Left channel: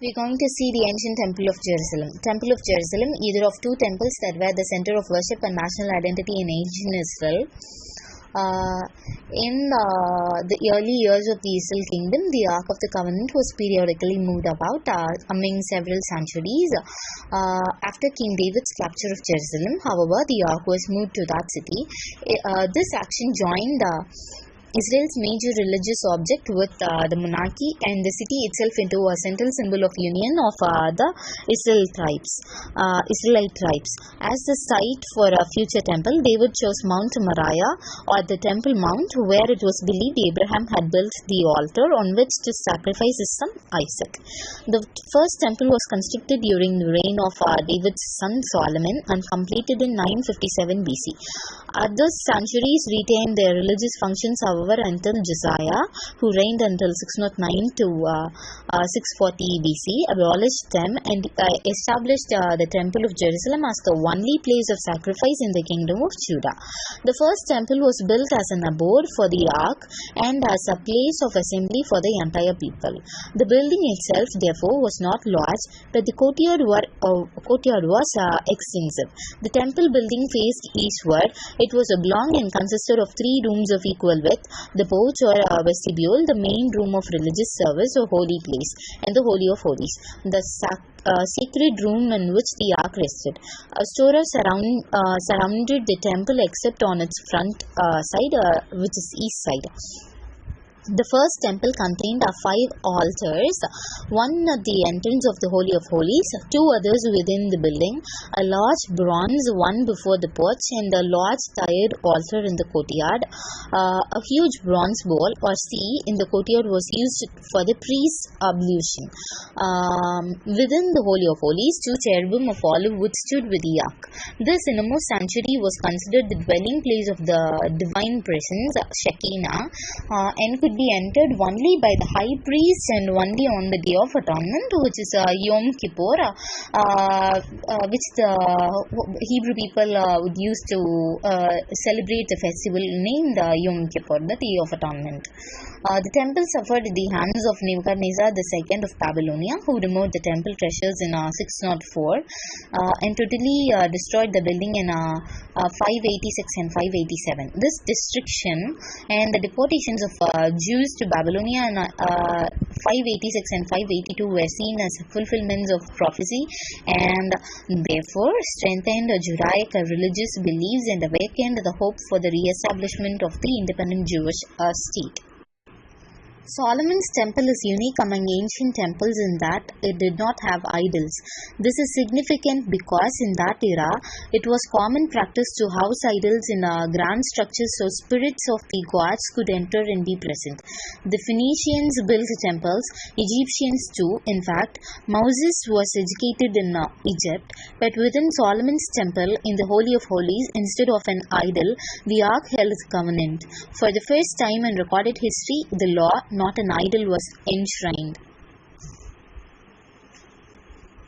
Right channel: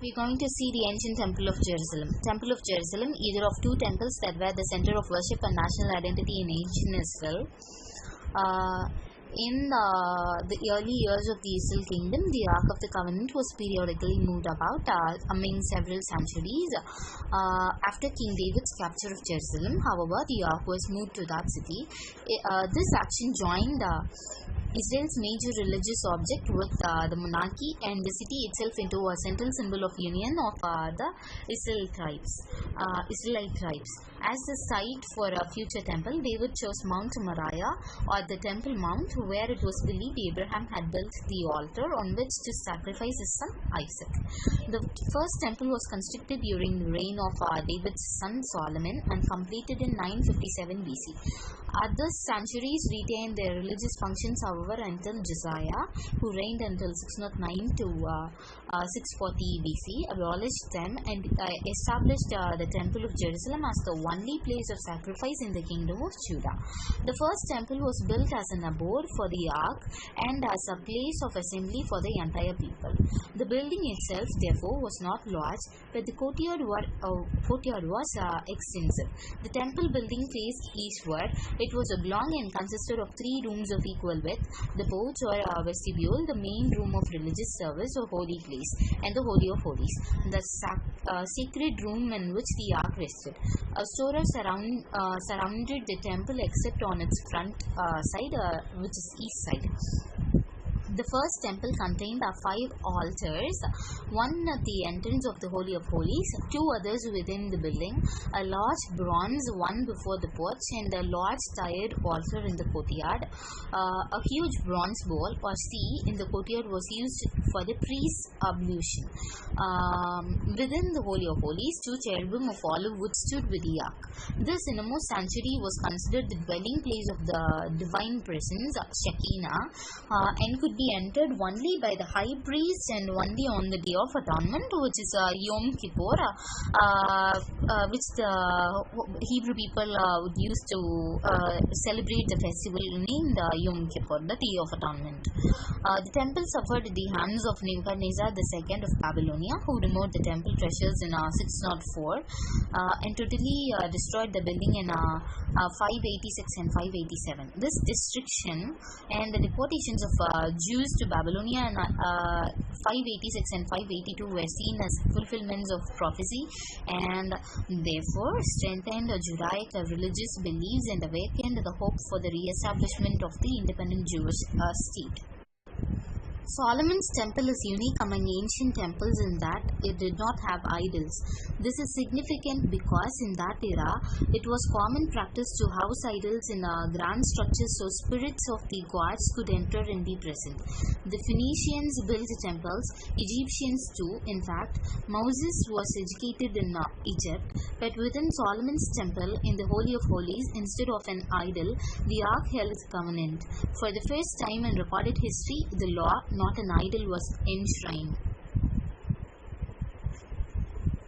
We're going to see the ancient Temple of Jerusalem. Temple of Jerusalem, either of two temples that were the center of worship and national identity in ancient Israel. In the early years of the Israel kingdom, the Ark of the Covenant was periodically moved about among several sanctuaries. After King David's capture of Jerusalem, however, the Ark was moved to that city. This action joined Israel's major religious object with the monarchy and the city itself into a central symbol of union of the Israelite tribes. As the site for a future temple, David chose Mount Moriah, or the Temple Mount, where it was believed Abraham had built the altar on which to sacrifice his son Isaac. The first temple was constructed during the reign of David's son Solomon and completed in 957 BC. Other sanctuaries retained their religious functions, however, until Josiah, who reigned until 609 to 640 BC, abolished them and established the Temple of Jerusalem as the only place of sacrifice in the kingdom of Judah. The first temple was built as an abode for the ark and as a place of assembly for the entire people. The building itself, therefore, was not large, but the courtyard was extensive. The temple building faced eastward. It was oblong and consisted of 3 rooms of equal width: the porch or vestibule, the main room of religious service or holy place, and the Holy of Holies, the sacred room in which the ark rested. A storer surrounded the temple except on its front side, which is east side. The first temple contained 5 altars, one at the entrance of the Holy of Holies, 2 others within the building, a large bronze one before the porch, and a large tiered altar in the courtyard. A huge bronze bowl or sea in the courtyard was used for the priest's ablution. Within the Holy of Holies, 2 cherubim of olive wood stood with the ark. This innermost sanctuary was considered the dwelling place of the divine presence, Shekinah, and could be entered only by the high priest and only on the Day of Atonement, which is Yom Kippur, which the Hebrew people would use to celebrate the festival named Yom Kippur, the Day of Atonement. The temple suffered at the hands of Nebuchadnezzar II of Babylonia, who removed the temple treasures in 604 and totally destroyed the building in 586 and 587. This destruction and the deportations of Jews to Babylonia in 586 and 582 were seen as fulfillments of prophecy and therefore strengthened Judaic religious beliefs and awakened the hope for the re-establishment of the independent Jewish state. Solomon's temple is unique among ancient temples in that it did not have idols. This is significant because in that era, it was common practice to house idols in grand structures so spirits of the gods could enter and be present. The Phoenicians built temples, Egyptians too. In fact, Moses was educated in Egypt, but within Solomon's temple in the Holy of Holies, instead of an idol, the ark held the covenant. For the first time in recorded history, the law, not an idol, was enshrined.